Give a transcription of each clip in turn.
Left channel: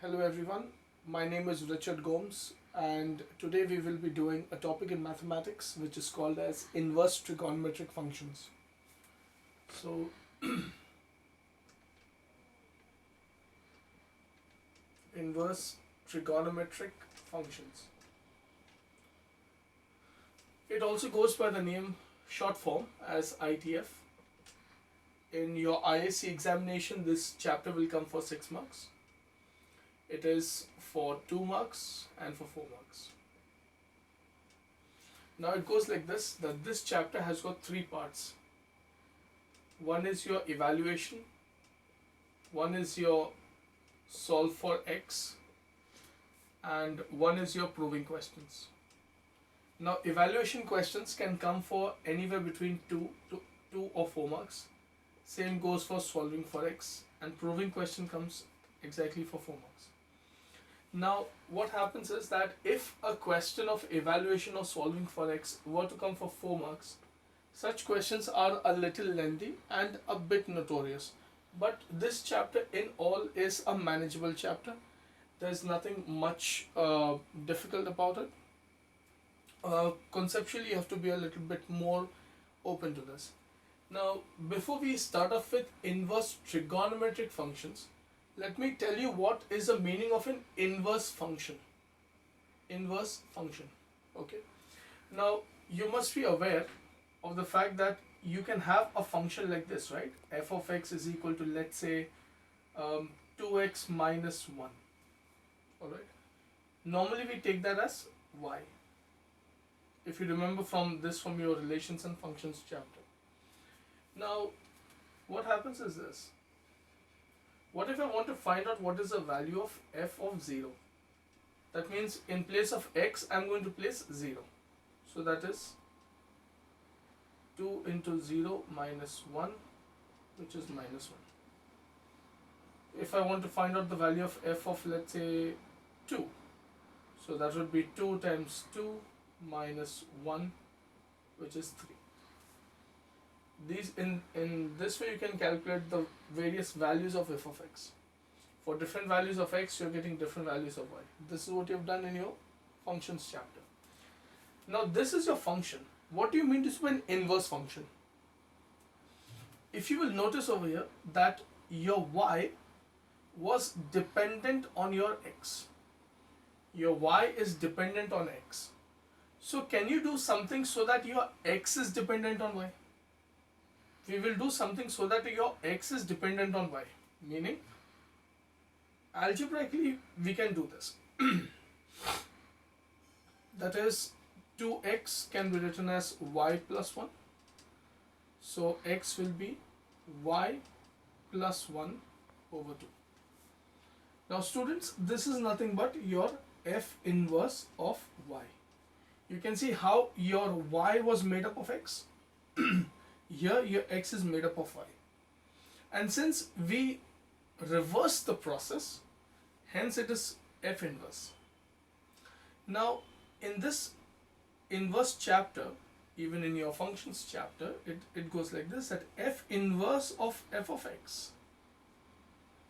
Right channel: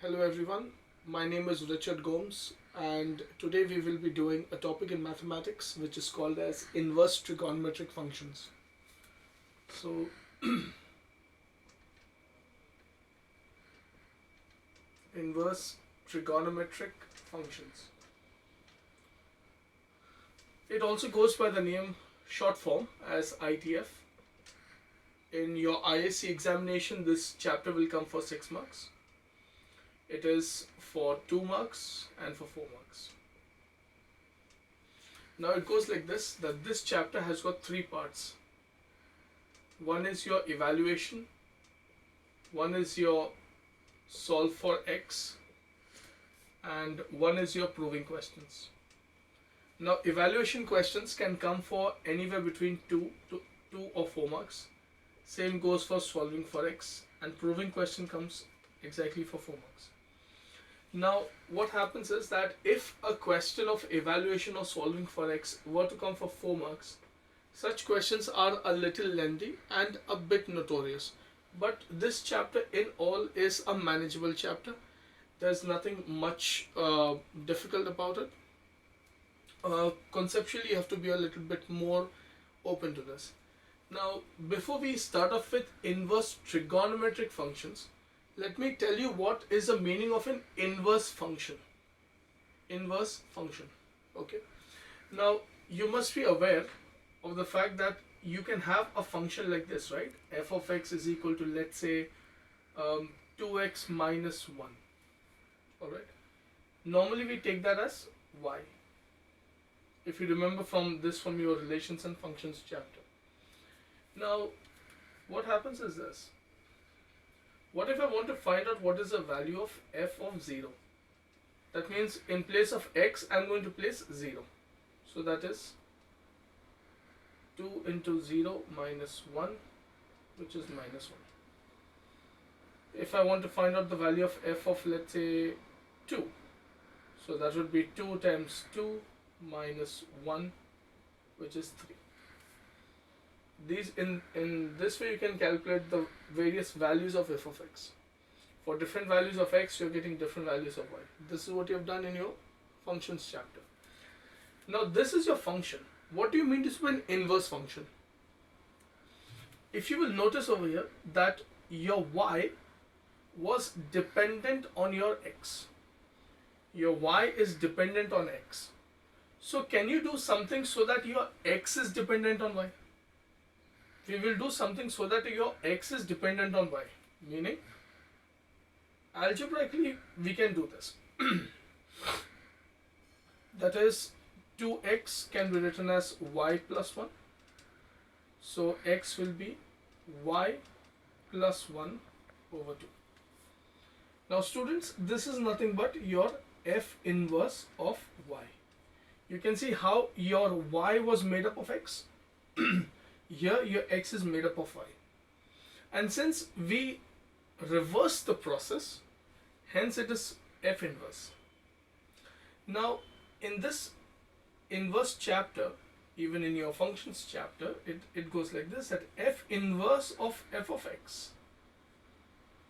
Hello everyone, my name is Richard Gomes and today we will be doing a topic in mathematics which is called as inverse trigonometric functions. So inverse trigonometric functions. It also goes by the name short form as ITF. In your ISC examination this chapter will come for 6 marks. It is for 2 marks and for 4 marks. Now it goes like this, that this chapter has got 3 parts. One is your evaluation, one is your solve for x, and one is your proving questions. Now evaluation questions can come for anywhere between 2 or 4 marks. Same goes for solving for x, and proving question comes exactly for 4 marks. Now what happens is that if a question of evaluation or solving for x were to come for 4 marks, such questions are a little lengthy and a bit notorious. But this chapter in all is a manageable chapter. There's nothing much difficult about it. Conceptually, you have to be a little bit more open to this. Now, before we start off with inverse trigonometric functions, let me tell you what is the meaning of an inverse function. Inverse function. Okay. Now, you must be aware of the fact that you can have a function like this, right? F of x is equal to, let's say, 2x minus 1. Alright. Normally we take that as y. If you remember from your relations and functions chapter. Now, what happens is this. What if I want to find out what is the value of f of 0? That means in place of x, I'm going to place 0. So that is 2 into 0 minus 1, which is minus 1. If I want to find out the value of f of, let's say, 2, so that would be 2 times 2 minus 1, which is 3. These in this way you can calculate the various values of f of x. For different values of x, you're getting different values of y. This is what you have done in your functions chapter. Now this is your function. What do you mean to say an inverse function? If you will notice over here that your y was dependent on your x. Your y is dependent on x. So can you do something so that your x is dependent on y? We will do something so that your x is dependent on y. Meaning, algebraically we can do this. That is, 2x can be written as y plus 1. So x will be y plus 1 over 2. Now students, this is nothing but your f inverse of y. You can see how your y was made up of x. Here your x is made up of y. And since we reverse the process, hence it is f inverse. Now in this inverse chapter, even in your functions chapter, it goes like this, that f inverse of f of x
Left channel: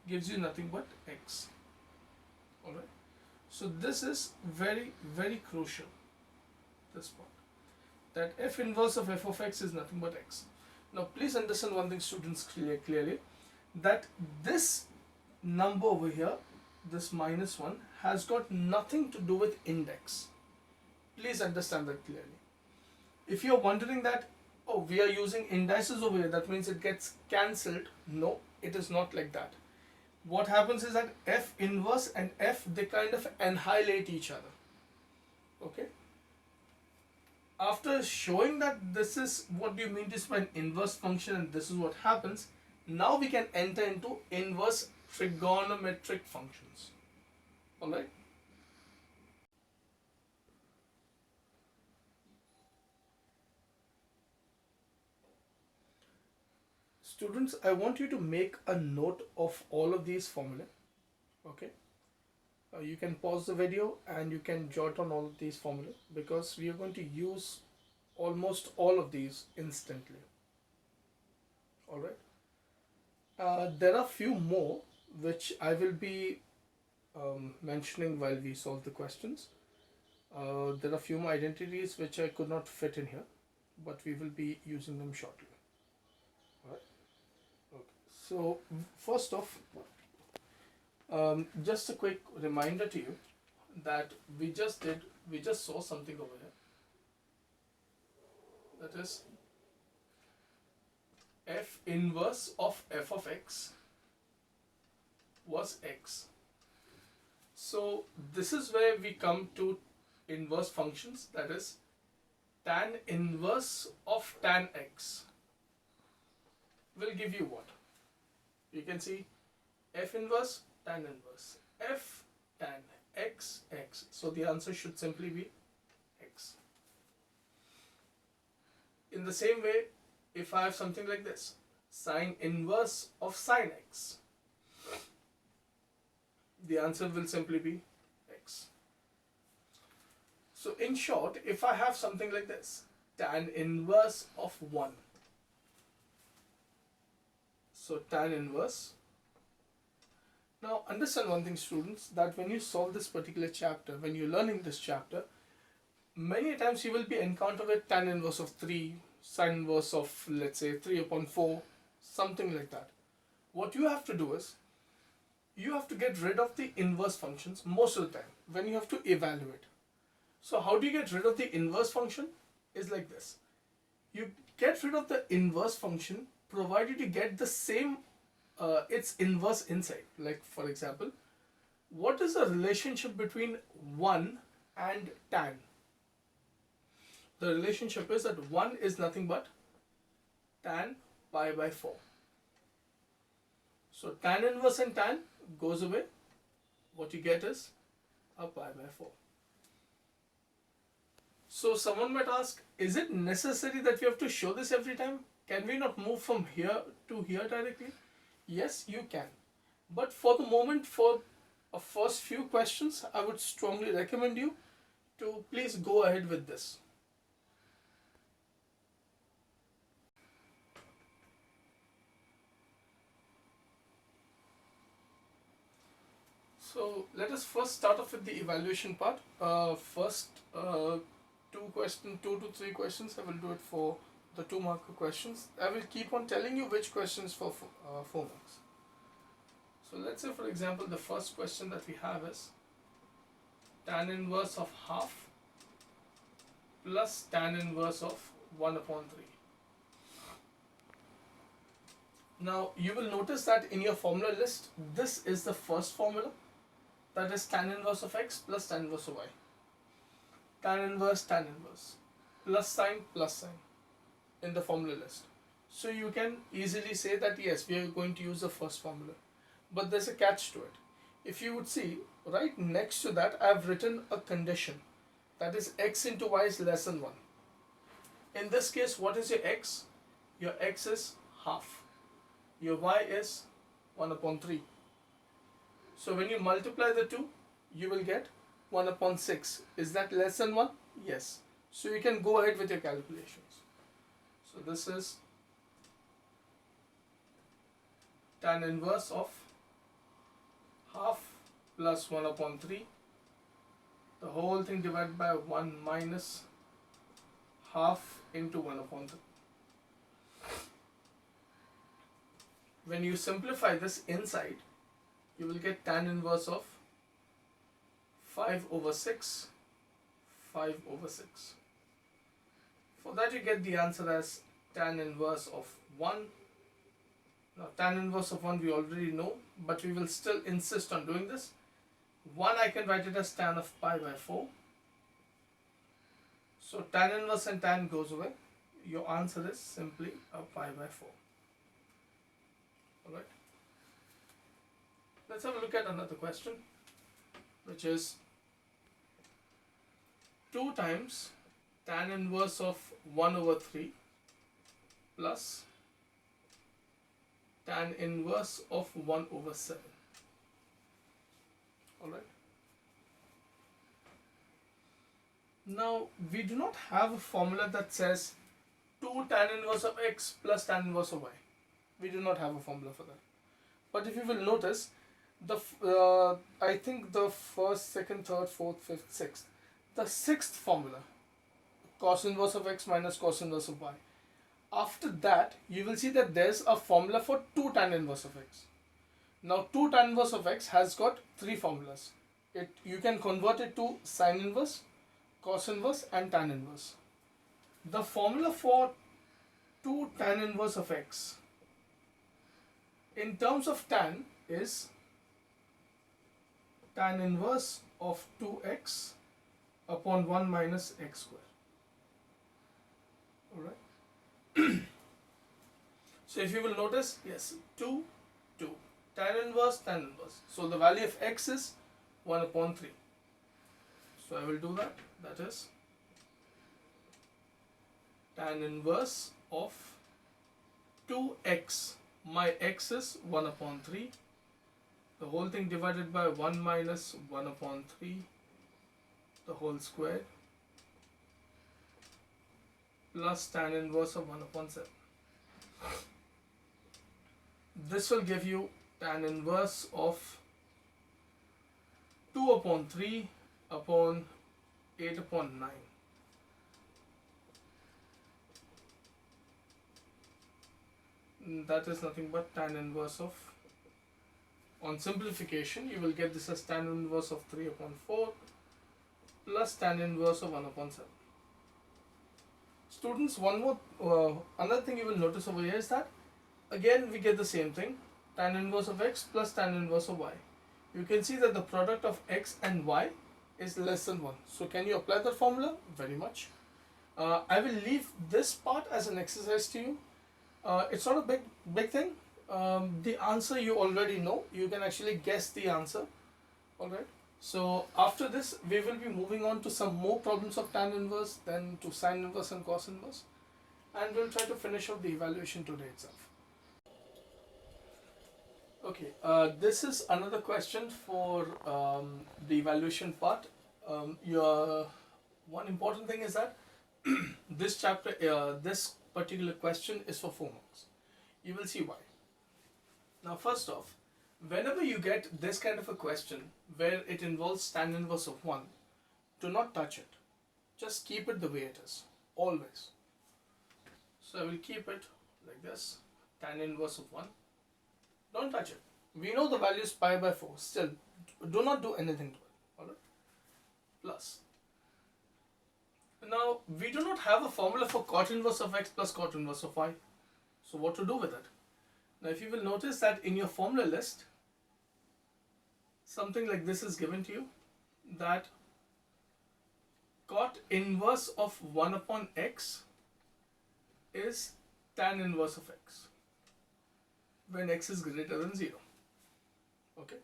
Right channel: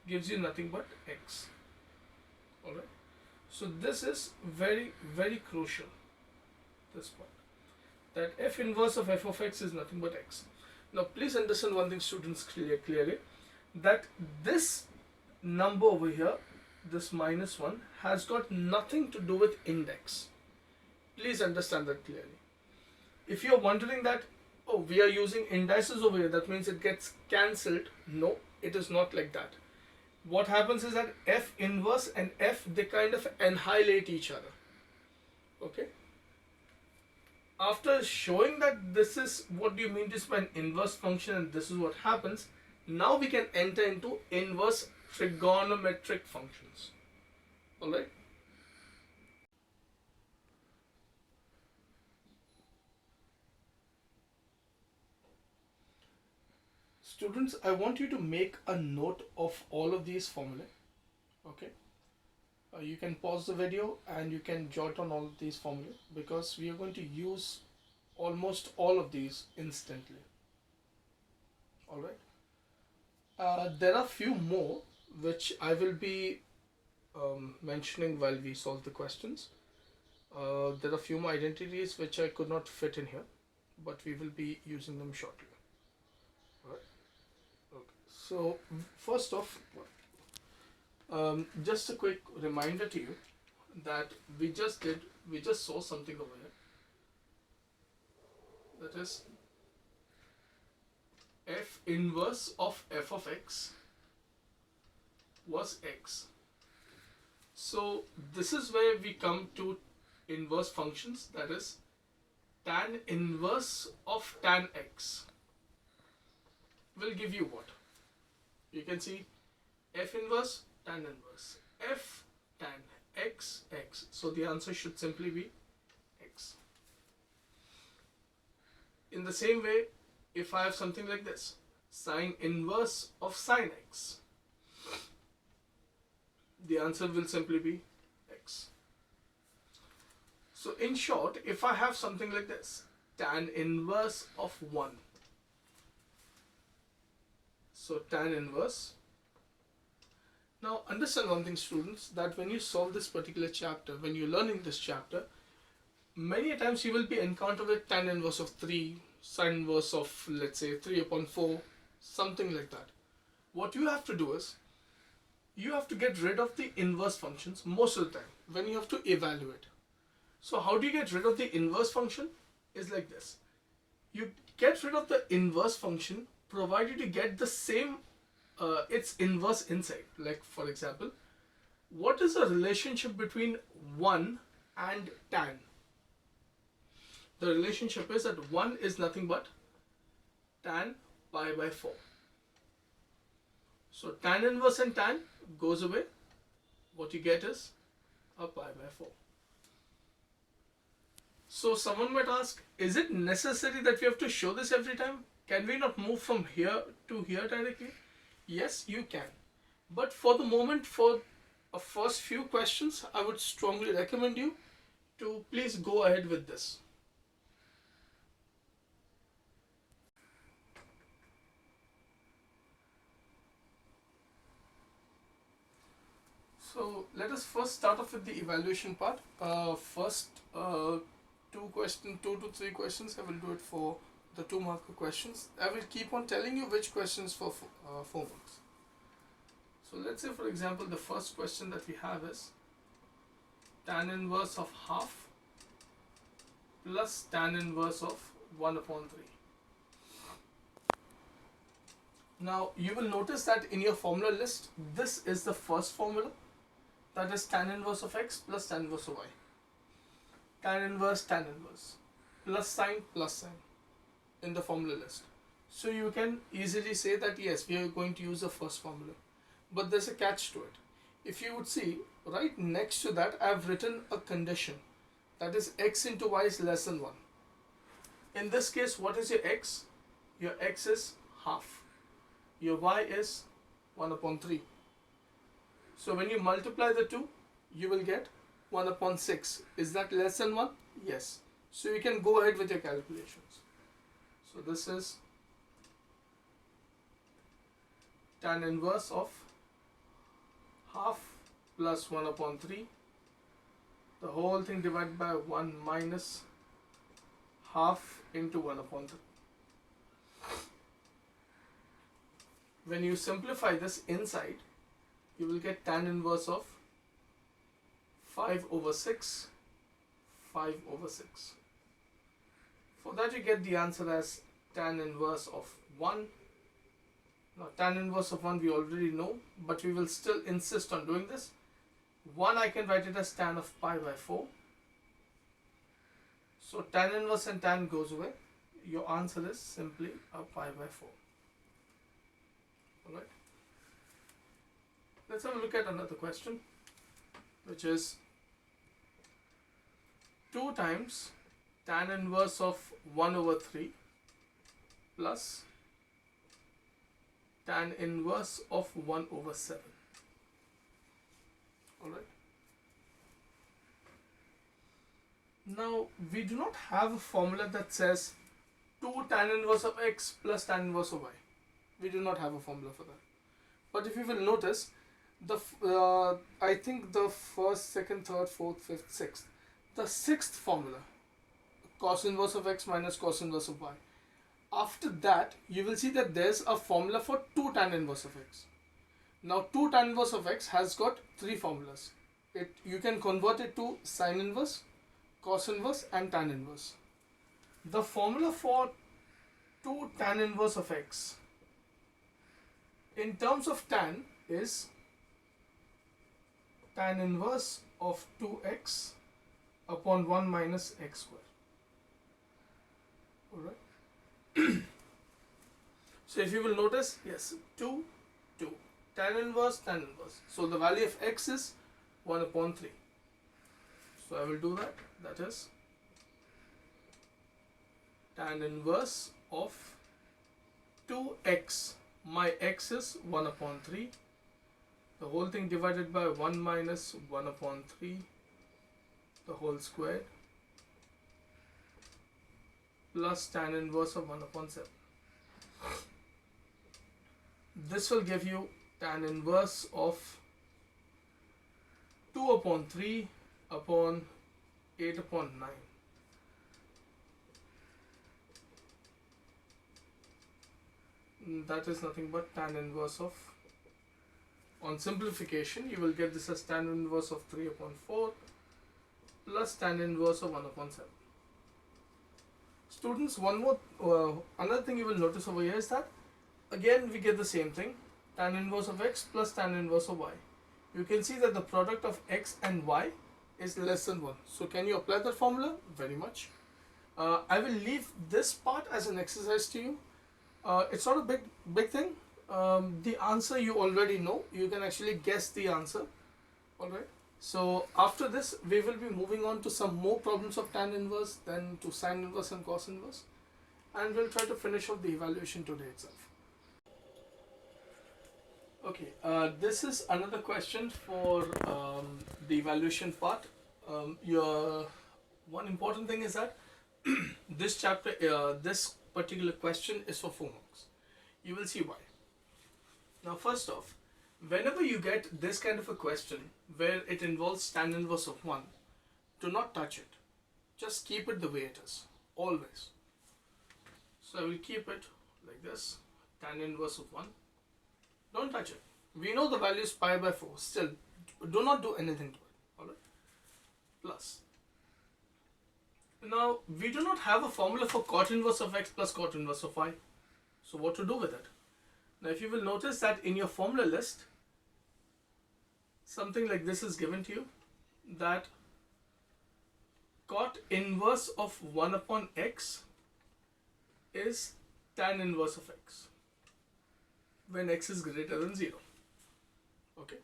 gives you nothing but x. Alright. So this is very, very crucial, this part. That f inverse of f of x is nothing but x. Now please understand one thing, students, clearly, that this number over here, this minus 1, has got nothing to do with index. Please understand that clearly. If you're wondering that, oh, we are using indices over here, that means it gets cancelled. No, it is not like that. What happens is that f inverse and f, they kind of annihilate each other. Okay. After showing that this is what do you mean to say an inverse function and this is what happens, now we can enter into inverse trigonometric functions. Alright. Students, I want you to make a note of all of these formulae. Okay. You can pause the video and you can jot on all of these formulae because we are going to use almost all of these instantly. Alright. There are few more which I will be mentioning while we solve the questions. There are a few more identities which I could not fit in here, but we will be using them shortly. Alright. Okay. So first off, just a quick reminder to you that we just saw something over here. That is f inverse of f of x was x. So this is where we come to inverse functions, that is tan inverse of tan x will give you what? You can see f inverse, tan inverse, f tan x, x. So the answer should simply be x. In the same way, if I have something like this, sine inverse of sine x, the answer will simply be x. So in short, if I have something like this, tan inverse of 1, so tan inverse. Now understand one thing, students, that when you solve this particular chapter, when you're learning this chapter, many times you will be encountered with tan inverse of 3, sine inverse of, let's say, 3 upon 4, something like that. What you have to do is, you have to get rid of the inverse functions most of the time when you have to evaluate. So how do you get rid of the inverse function? Is like this. You get rid of the inverse function provided you get the same its inverse inside. Like for example, what is the relationship between 1 and tan? The relationship is that 1 is nothing but tan pi by 4. So tan inverse and tan goes away. What you get is a pi by 4. So someone might ask, is it necessary that we have to show this every time? Can we not move from here to here directly? Yes, you can. But for the moment, for a first few questions, I would strongly recommend you to please go ahead with this. So let us first start off with the evaluation part. First, 2 to 3 questions. I will do it for the 2-marker questions. I will keep on telling you which questions for 4 marks. So let's say, for example, the first question that we have is tan inverse of half plus tan inverse of 1 upon 3. Now you will notice that in your formula list, this is the first formula, that is tan inverse of x plus tan inverse of y. Tan inverse plus sine in the formula list. So you can easily say that yes, we are going to use the first formula, but there's a catch to it. If you would see, right next to that I have written a condition, that is x into y is less than 1. In this case, what is your x? Your x is half, your y is 1 upon 3. So when you multiply the two, you will get 1 upon 6. Is that less than 1? Yes. So you can go ahead with your calculations. So this is tan inverse of half plus 1 upon 3. The whole thing divided by 1 minus half into 1 upon 3. When you simplify this inside, you will get tan inverse of 5 over 6, 5 over 6. For that you get the answer as tan inverse of 1. Now tan inverse of 1 we already know, but we will still insist on doing this. 1 I can write it as tan of pi by 4. So tan inverse and tan goes away. Your answer is simply a pi by 4. Alright. Let's have a look at another question, which is 2 times tan inverse of 1 over 3 plus tan inverse of 1 over 7. Alright. Now we do not have a formula that says 2 tan inverse of x plus tan inverse of y. We do not have a formula for that. But if you will notice, I think the first, second, third, fourth, fifth, sixth. The sixth formula, cos inverse of x minus cos inverse of y. After that, you will see that there's a formula for 2 tan inverse of x. Now, 2 tan inverse of x has got 3 formulas. You can convert it to sine inverse, cos inverse, and tan inverse. The formula for 2 tan inverse of x in terms of tan is tan inverse of 2x upon 1 minus x square. Alright. So if you will notice, yes, 2, 2. Tan inverse, tan inverse. So the value of x is 1 upon 3. So I will do that. That is tan inverse of 2x. My x is 1 upon 3. The whole thing divided by 1 minus 1 upon 3. The whole square. Plus tan inverse of 1 upon 7. This will give you tan inverse of 2 upon 3 upon 8 upon 9. That is nothing but tan inverse of, on simplification, you will get this as tan inverse of 3 upon 4 plus tan inverse of 1 upon 7. Students, another thing you will notice over here is that again we get the same thing, tan inverse of x plus tan inverse of y. You can see that the product of x and y is less than 1. So can you apply that formula? Very much. I will leave this part as an exercise to you. It's not a big thing. The answer you already know. You can actually guess the answer. Alright. So after this, we will be moving on to some more problems of tan inverse, then to sine inverse and cos inverse. And we'll try to finish off the evaluation today itself. Okay, this is another question for the evaluation part. One important thing is that this chapter, this particular question is for 4 marks. You will see why. Now, first off, whenever you get this kind of a question where it involves tan inverse of 1, do not touch it. Just keep it the way it is, always. So I will keep it like this, tan inverse of 1. Don't touch it. We know the value is pi by 4. Still, do not do anything to it. Alright? Plus. Now, we do not have a formula for cot inverse of x plus cot inverse of y. So what to do with it? Now, if you will notice that in your formula list, something like this is given to you, that cot inverse of 1 upon x is tan inverse of x when x is greater than 0. Okay.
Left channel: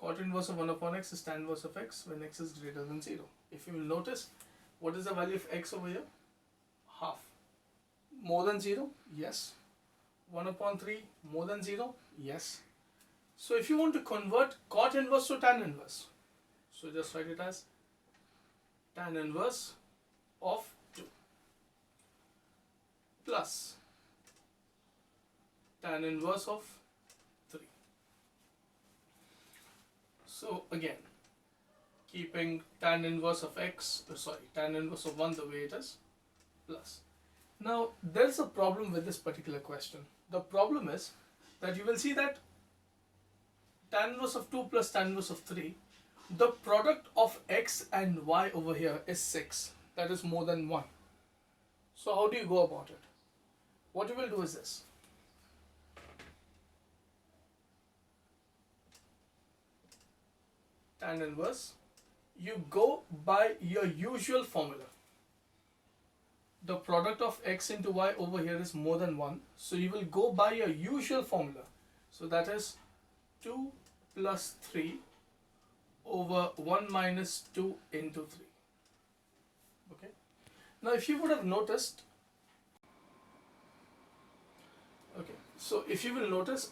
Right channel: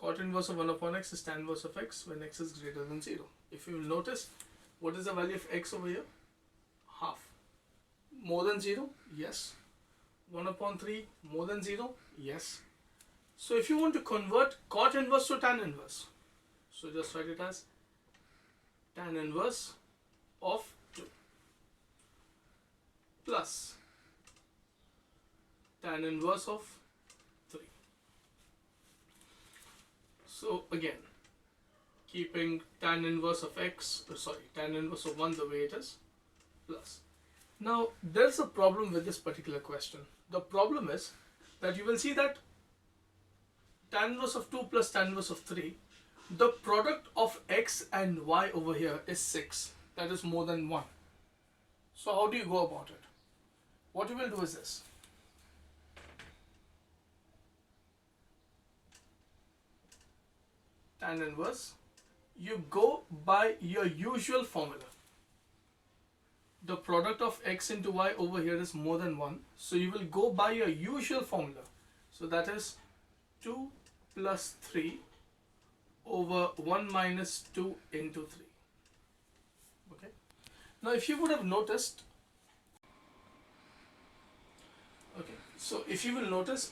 Cot inverse of 1 upon x is tan inverse of x when x is greater than 0. If you will notice, what is the value of x over here? Half. More than 0? Yes. 1 upon 3? More than 0? Yes. So if you want to convert cot inverse to tan inverse, so just write it as tan inverse of 2 plus tan inverse of 3. So again, keeping tan inverse of x, tan inverse of 1 the way it is, plus. Now, there's a problem with this particular question. The problem is that you will see that tan inverse of 2 plus tan inverse of 3, the product of x and y over here is 6. That is more than 1. So how do you go about it? What you will do is this. Tan inverse, you go by your usual formula. The product of x into y over here is more than 1. So you will go by your usual formula. So that is 2 plus 3 over 1 minus 2 into 3. Okay. Now if you would have noticed, okay, so if you will notice,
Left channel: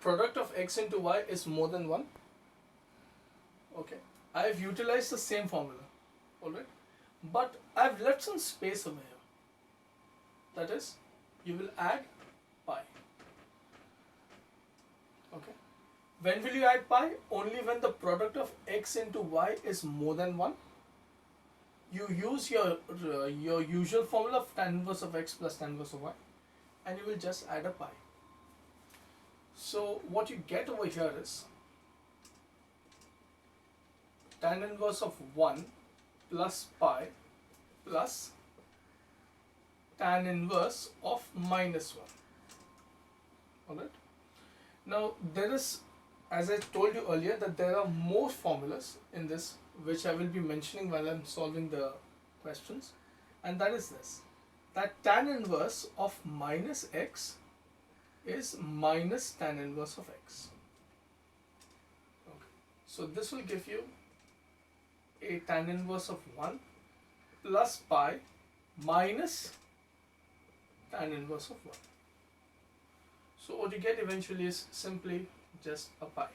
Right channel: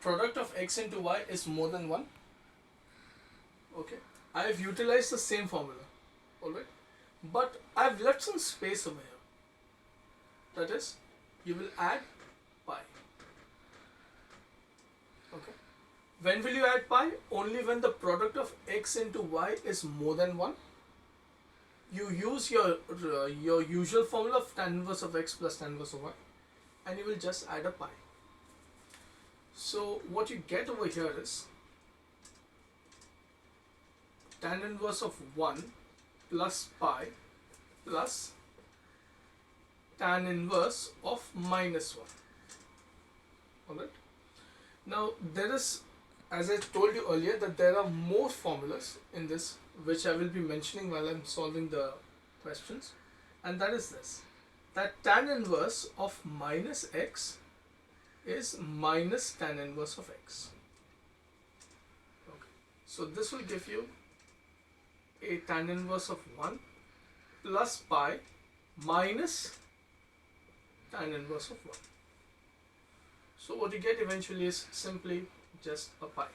product of x into y is more than 1. Okay, I have utilized the same formula, alright, but I have left some space over here. That is, you will add pi. Okay, When will you add pi? Only when the product of x into y is more than 1. You use your usual formula of tan inverse of x plus tan inverse of y, and you will just add a pi. So what you get over here is tan inverse of 1 plus pi plus tan inverse of minus 1. Alright. Now there is, as I told you earlier, that there are more formulas in this which I will be mentioning while I am solving the questions, and that is this, that tan inverse of minus x is minus tan inverse of x. Okay. So this will give you a tan inverse of 1 plus pi minus tan inverse of 1. So what you get eventually is simply just a pi.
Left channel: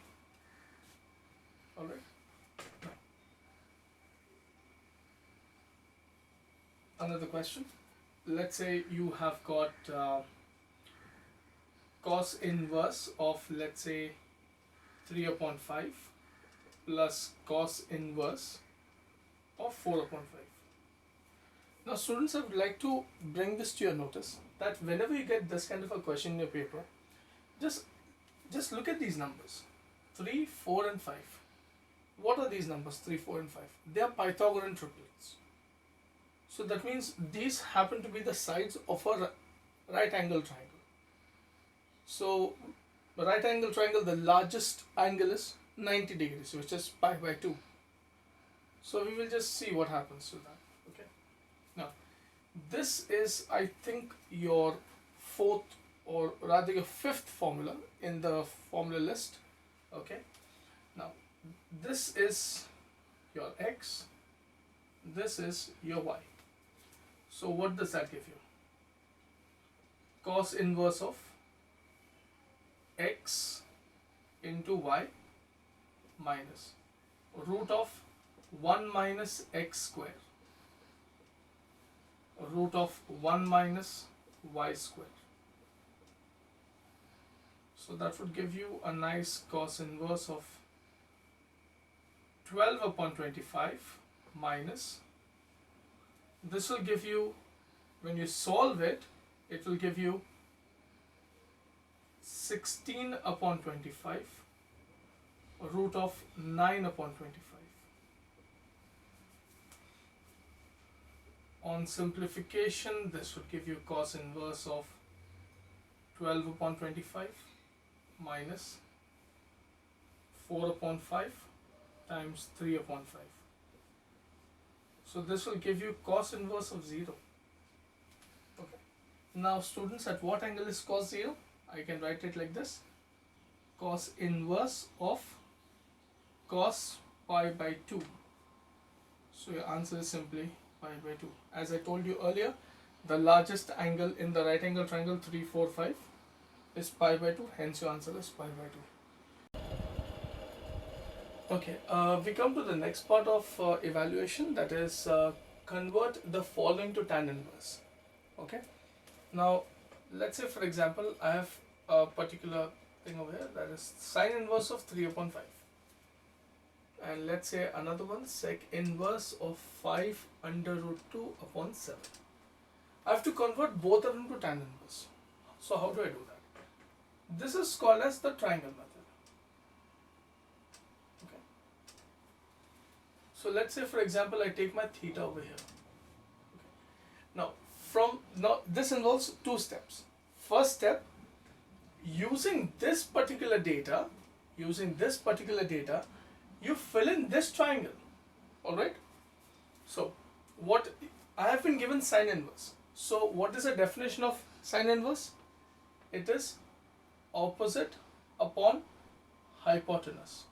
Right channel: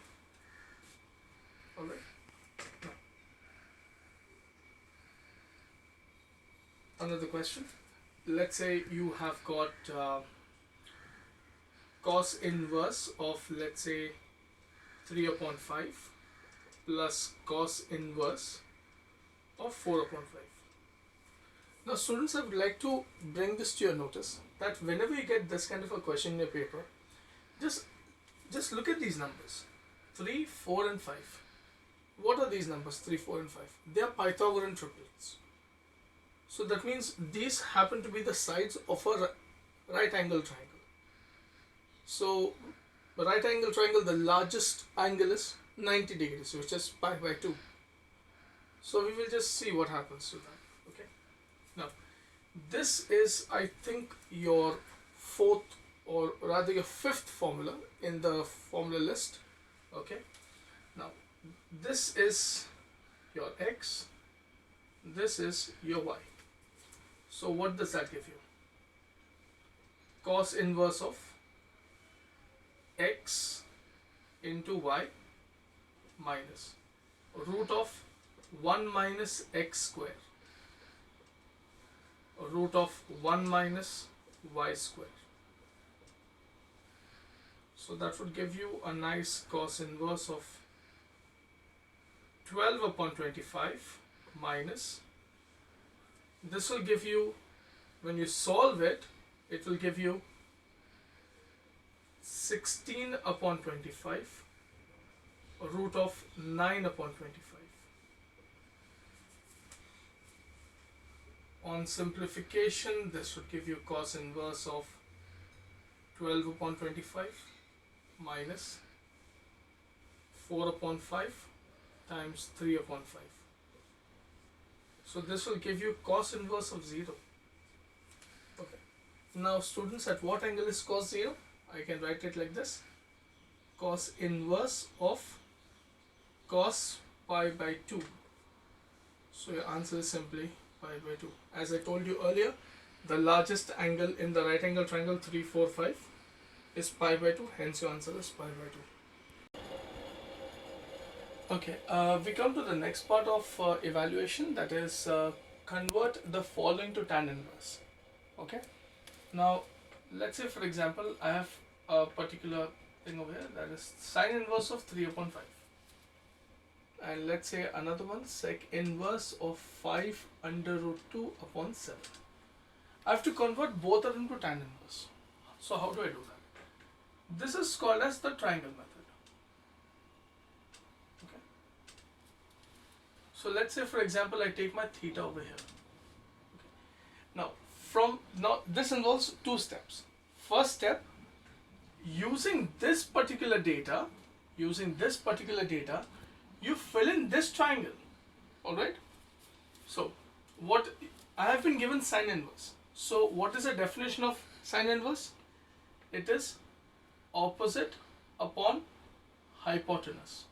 Alright. Another question. Let's say you have got cos inverse of, let's say, 3 upon 5 plus cos inverse of 4 upon 5. Now students, I would like to bring this to your notice that whenever you get this kind of a question in your paper, just look at these numbers, 3, 4 and 5. What are these numbers, 3, 4 and 5? They are Pythagorean triplets. So that means these happen to be the sides of a right angle triangle. So the right angle triangle, the largest angle is 90 degrees, which is pi by 2. So we will just see what happens to that. Okay. Now this is, I think, your fourth or rather your fifth formula in the formula list. Okay. Now this is your x, this is your y. So what does that give you? Cos inverse of x into y minus root of 1 minus x square, root of 1 minus y square. So that would give you a nice cos inverse of 12 upon 25 minus, this will give you, when you solve it, it will give you 16 upon 25 root of 9 upon 25. On simplification, this would give you cos inverse of 12 upon 25 minus 4 upon 5 times 3 upon 5. So this will give you cos inverse of 0. Okay. Now students, at what angle is cos 0? I can write it like this. Cos inverse of cos pi by 2. So your answer is simply pi by 2. As I told you earlier, the largest angle in the right angle triangle 3, 4, 5 is pi by 2. Hence your answer is pi by 2. Okay, we come to the next part of evaluation, that is convert the following to tan inverse. Okay, now let's say for example I have a particular thing over here, that is sine inverse of 3 upon 5, and let's say another one sec inverse of 5 under root 2 upon 7. I have to convert both of them to tan inverse. So how do I do that? This is called as the triangle method. So let's say for example I take my theta over here. Okay. Now this involves two steps. First step, using this particular data, you fill in this triangle. Alright. So what I have been given sine inverse. So what is the definition of sine inverse? It is opposite upon hypotenuse.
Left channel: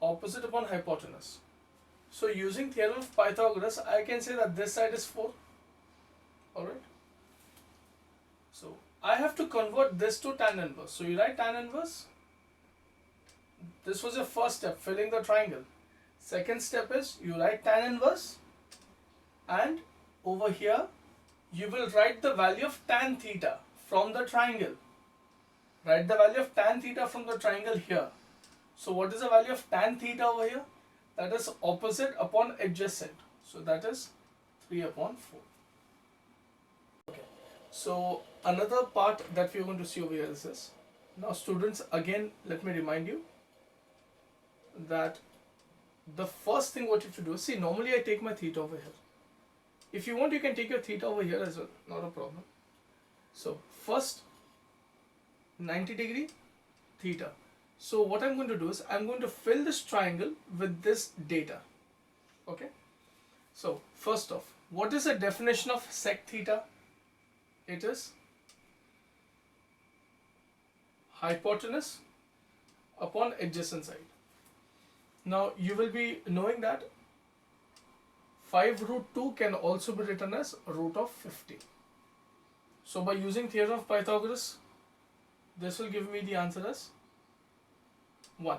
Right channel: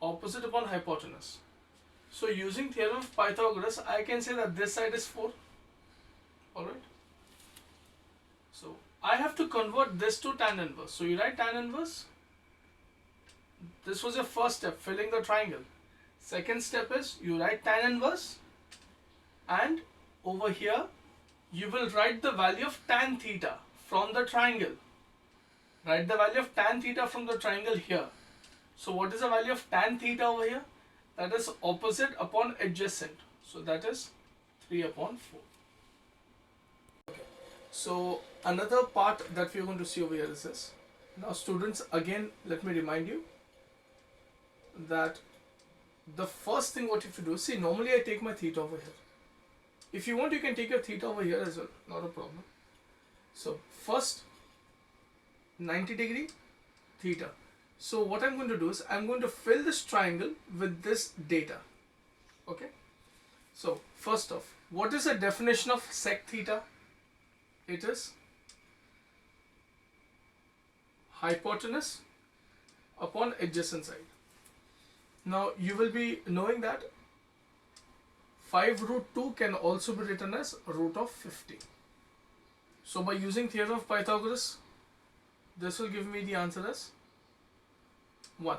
Opposite upon hypotenuse. So using theorem of Pythagoras, I can say that this side is 4. Alright. So I have to convert this to tan inverse. So you write tan inverse. This was your first step, filling the triangle. Second step is you write tan inverse, and over here you will write the value of tan theta from the triangle. Write the value of tan theta from the triangle here. So what is the value of tan theta over here? That is opposite upon adjacent. So that is 3 upon 4. Okay. So another part that we are going to see over here is this. Now students, again let me remind you that the first thing what you have to do is, see, normally I take my theta over here. If you want, you can take your theta over here as well, not a problem. So first 90-degree theta. So what I'm going to do is I'm going to fill this triangle with this data. Okay. So first off, what is the definition of sec theta? It is hypotenuse upon adjacent side. Now you will be knowing that 5 root 2 can also be written as root of 50. So by using theorem of Pythagoras, this will give me the answer as 1.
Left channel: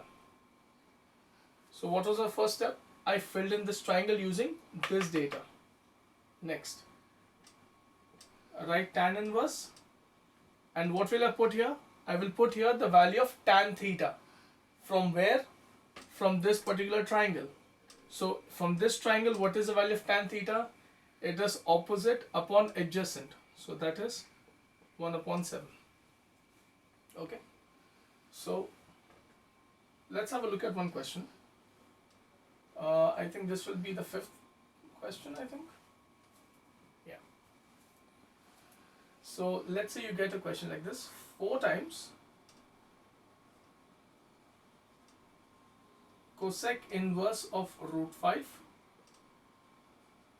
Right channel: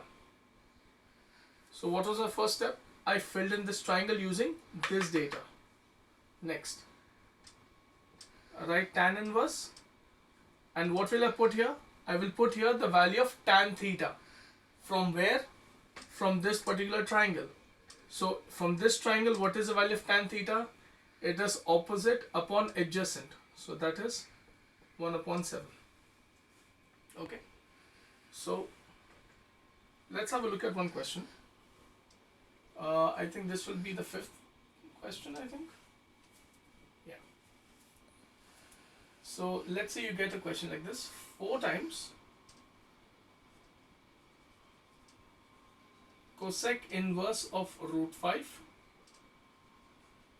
So what was the first step? I filled in this triangle using this data. Next, write tan inverse, and what will I put here? I will put here the value of tan theta. From where? From this particular triangle. So from this triangle, what is the value of tan theta? It is opposite upon adjacent. So that is 1 upon 7. Okay. So let's have a look at one question. I think this will be the 5th question, I think. Yeah. So let's say you get a question like this. 4 times cosec inverse of root 5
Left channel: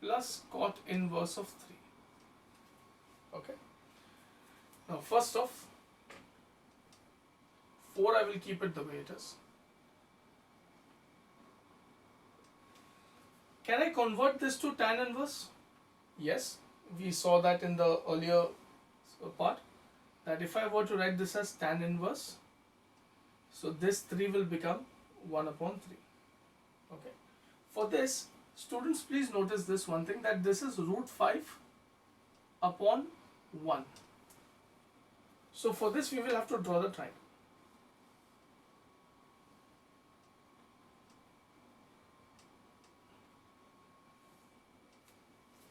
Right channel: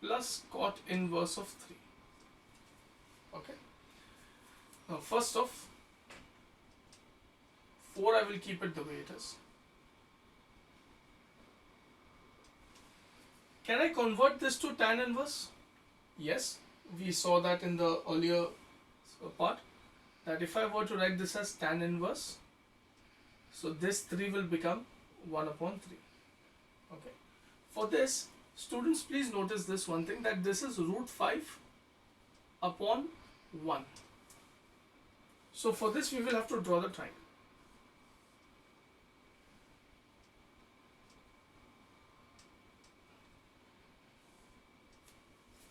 plus cot inverse of 3. Okay. Now first off, 4 I will keep it the way it is. Can I convert this to tan inverse? Yes, we saw that in the earlier part, that if I were to write this as tan inverse, so this 3 will become 1 upon 3. Okay. For this, students, please notice this one thing, that this is root 5 upon 1. So for this we will have to draw the triangle.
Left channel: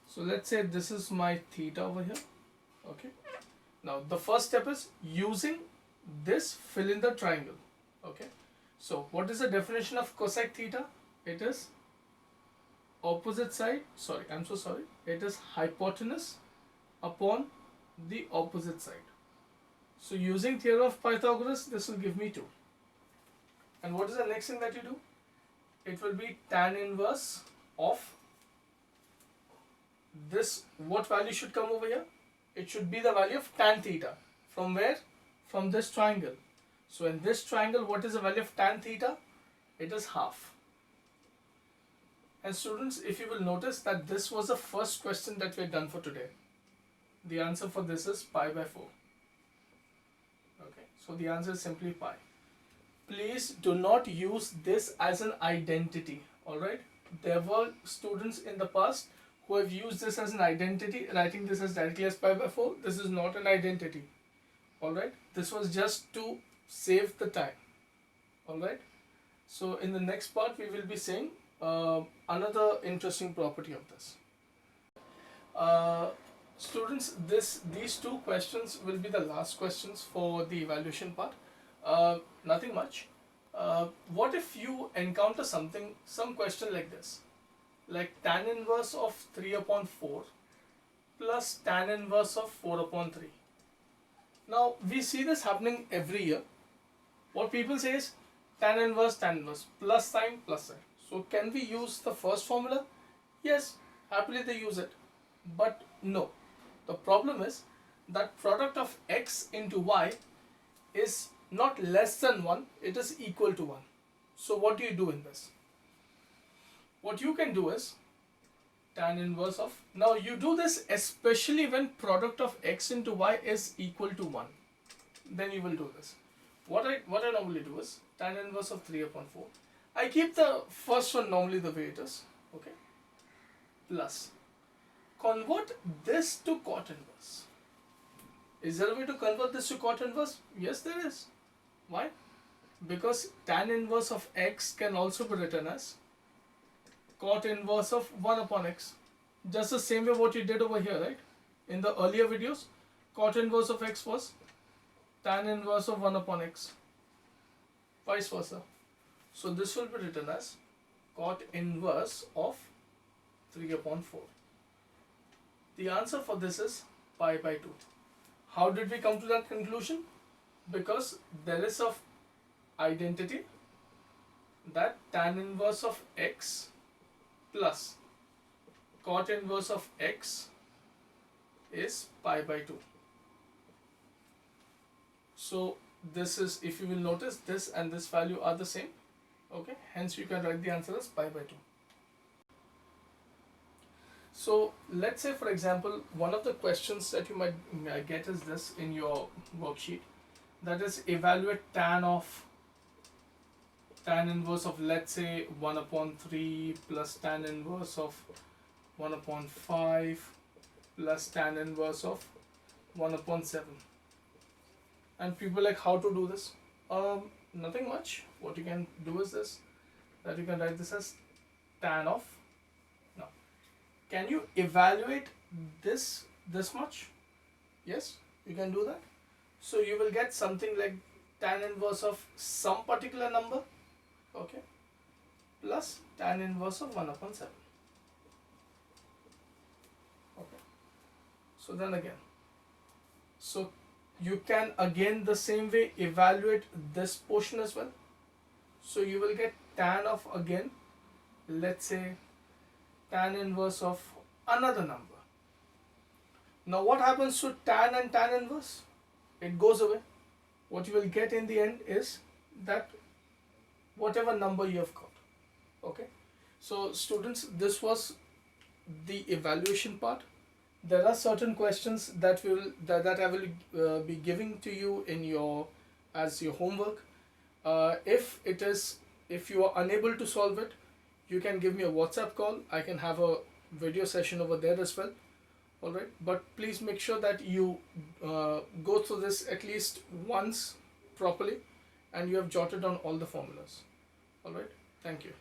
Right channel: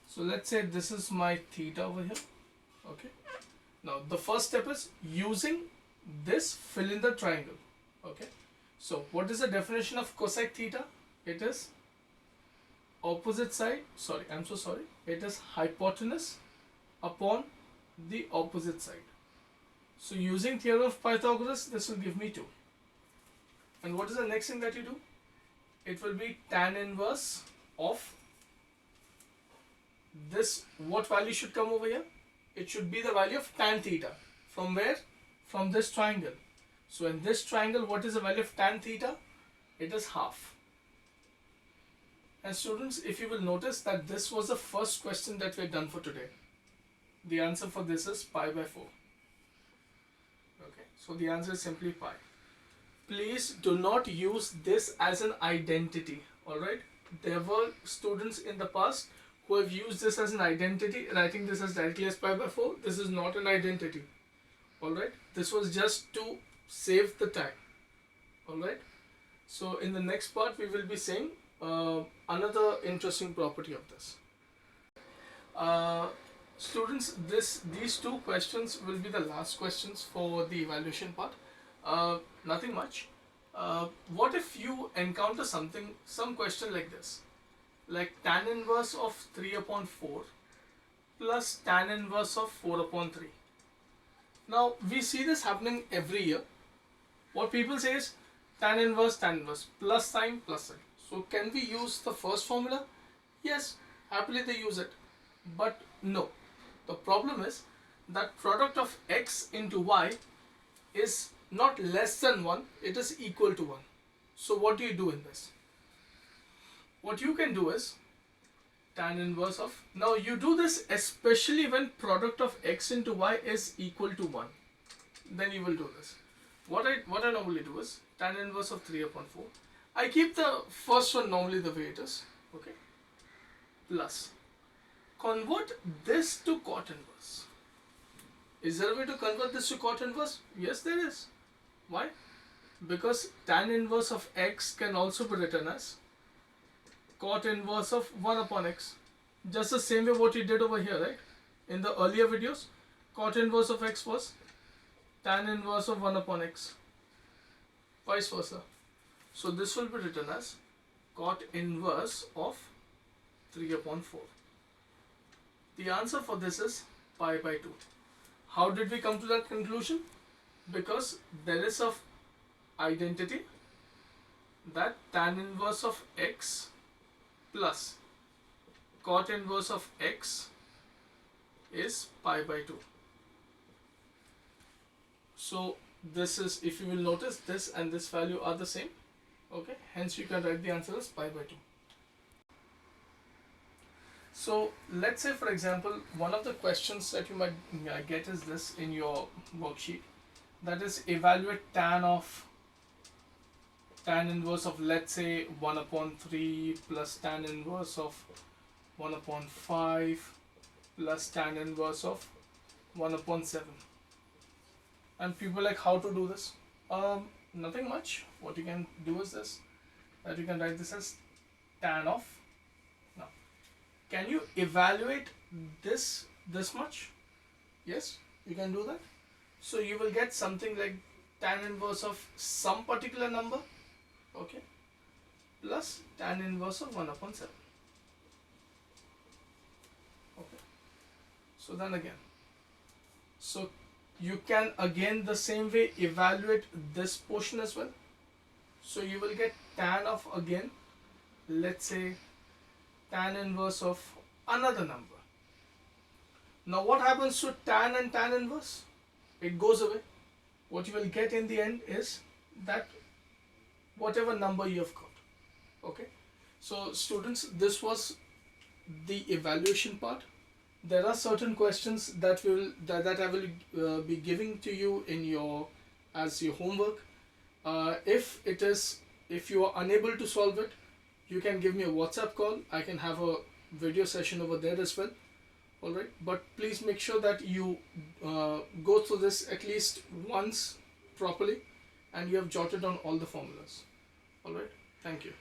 So let's say this is my theta over here. Okay. Now the first step is using this, fill in the triangle. Okay. So what is the definition of cosec theta? It is opposite side, sorry, I'm so sorry. It is hypotenuse upon the opposite side. So using theorem of Pythagoras, this will give me 2. And what is the next thing that you do? It will be tan inverse of this. What value should come over here? It should be the value of tan theta. From where? From this triangle. So in this triangle, what is the value of tan theta? It is half. And students, if you will notice that this was the first question that we had done for today. The answer for this is pi by 4. Okay, so the answer is simply pi. Please do not use this as an identity. Alright, there were students in the past who have used this as an identity, writing this as directly as pi by 4. This is not an identity. Alright, this was just to save the time. Alright, so in the next part we will be saying another interesting property of this. Students, these 2 questions will be the last questions for the evaluation part. Nothing much. What if you encounter some question like this, like tan inverse of 3 upon 4 plus tan inverse of 4 upon 3. Now we see this happening every year. What people say is tan inverse, plus sign, plus sign. So can we use the first formula? Yes, happily they use it. But no, the problem is that product of x into y is not less than 1, it is equal to 1. So what do you do in this? What you can do is tan inverse of, now you do this especially when product of x into y is equal to 1. Then you will do this. What I normally do is tan inverse of 3 upon 4. I keep the first one normally the way it is. Okay. Plus, convert this to cot inverse. Is there a way to convert this to cot inverse? Yes, there is. Why? Because tan inverse of x can also be written as cot inverse of 1 upon x. Just the same way what you did over here, right? In the earlier videos, cot inverse of x was tan inverse of 1 upon x. Vice versa. So this will be written as cot inverse of 3 upon 4. The answer for this is pi by 2. How did we come to that conclusion? Because there is a identity that tan inverse of x plus cot inverse of x is pi by 2. So this is, if you will notice, this and this value are the same. Okay, hence you can write the answer as pi by 2. So let's say, for example, one of the questions that you might get is this in your worksheet, that is evaluate tan inverse of, let's say, 1 upon 3 plus tan inverse of 1 upon 5 plus tan inverse of 1 upon 7. And people like, how to do this? Nothing much. What you can do is this, that you can write this as tan of. Now, can you evaluate this much? Yes, you can do that. So you will get something like tan inverse of some particular number, okay, plus tan inverse of 1 upon 7. Okay. So then again, so you can again the same way evaluate this portion as well. So you will get tan of, again, let's say tan inverse of another number. Now what happens to tan and tan inverse? It goes away. What you will get in the end is that whatever number you have got. Okay. So students, this was the evaluation part. There are certain questions that I will be giving to you in your as your homework. If you are unable to solve it, you can give me a WhatsApp call. I can have a video session over there as well. All right, but please make sure that you go through this at least once properly, and you have jotted down all the formulas. All right, thank you.